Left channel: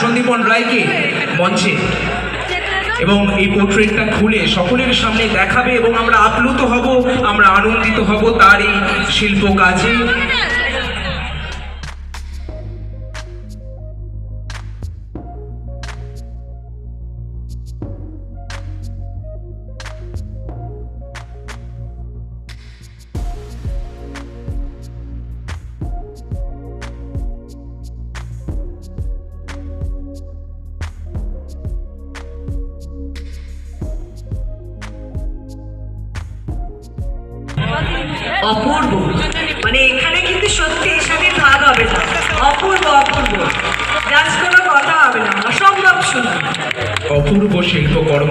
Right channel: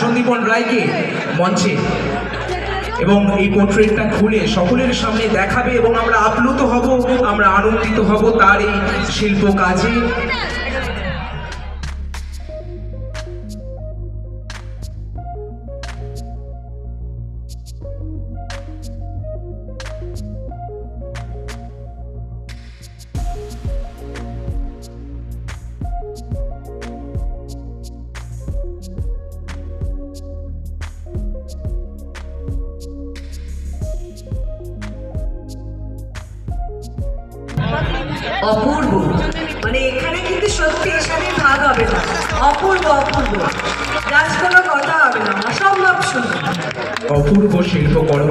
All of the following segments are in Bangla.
সন্দীপন রায়কে মঞ্চে এবং এই পোর্ট্রেটটা খুলে সকলের সামনে দেখাবে এবং আমরা আপ্লুত হব, আমরা আনন্দিত হব তার এই শিল্প কাজে। অপূর্ব, মানে এখানে কিন্তু সত্যি হিসাবে ভাগ হবে না। অপূর্ব অপূর্ব, জাস্ট কোনো কথা হবে না, অসম্ভব সুন্দর। অপূর্ব শিল্পকর্ম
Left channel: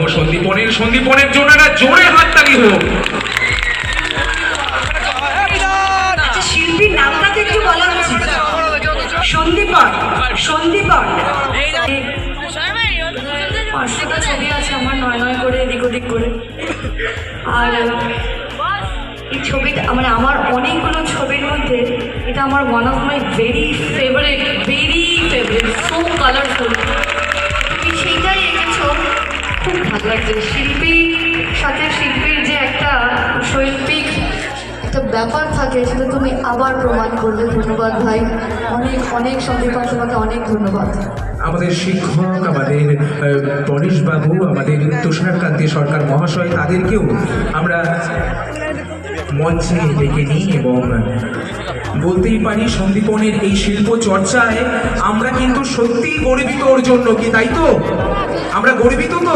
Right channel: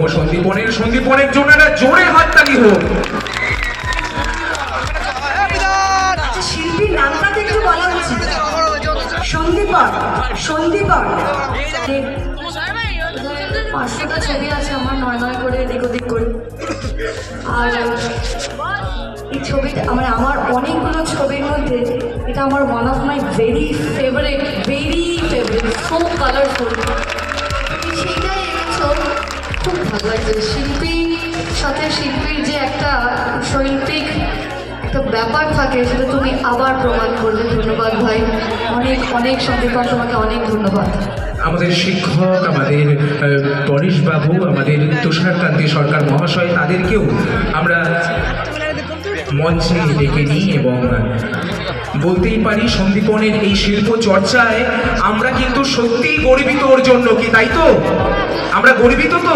সন্দীপনের জন্য একটা জোরে হাততালি হোক। আচ্ছা, শিল্পীর নামটা তো একটু বলা উচিত। সন্দীপন। পাঁচটা ছবি আছে আমার নয় নয় করে এদিক ওদিক করে। আর এই ছবিটা আমার অনেকগুলো ছবির মধ্যে এটা আমার one of my very favourite, so colourful. তুমি সেইটাই এনেছো, খুব ভালো লাগছে। শিল্পীর সাথে শিল্পীর যে একটা শৈল্পিক একটা ব্যাপার থাকে সেটা তুমি আবার প্রমাণ করলে। ধন্যবাদ ভাই, অনেক অনেক সন্দীপন, তোমাকে অনেক ধন্যবাদ। আমাদের শিক্ষক, আমাদের পরেশবাবু, আমাদের তুষারকান্তি সরকার মহাশয়, তাদেরকেও আমরা মঞ্চে ডেকে নিই এবং বলতেই পারি সন্দীপনের এই শিল্প চর্চায় আমরা কিন্তু সত্যিই গর্বিত ওর জন্য, কি তাই তো? আমরা গর্বিত তো।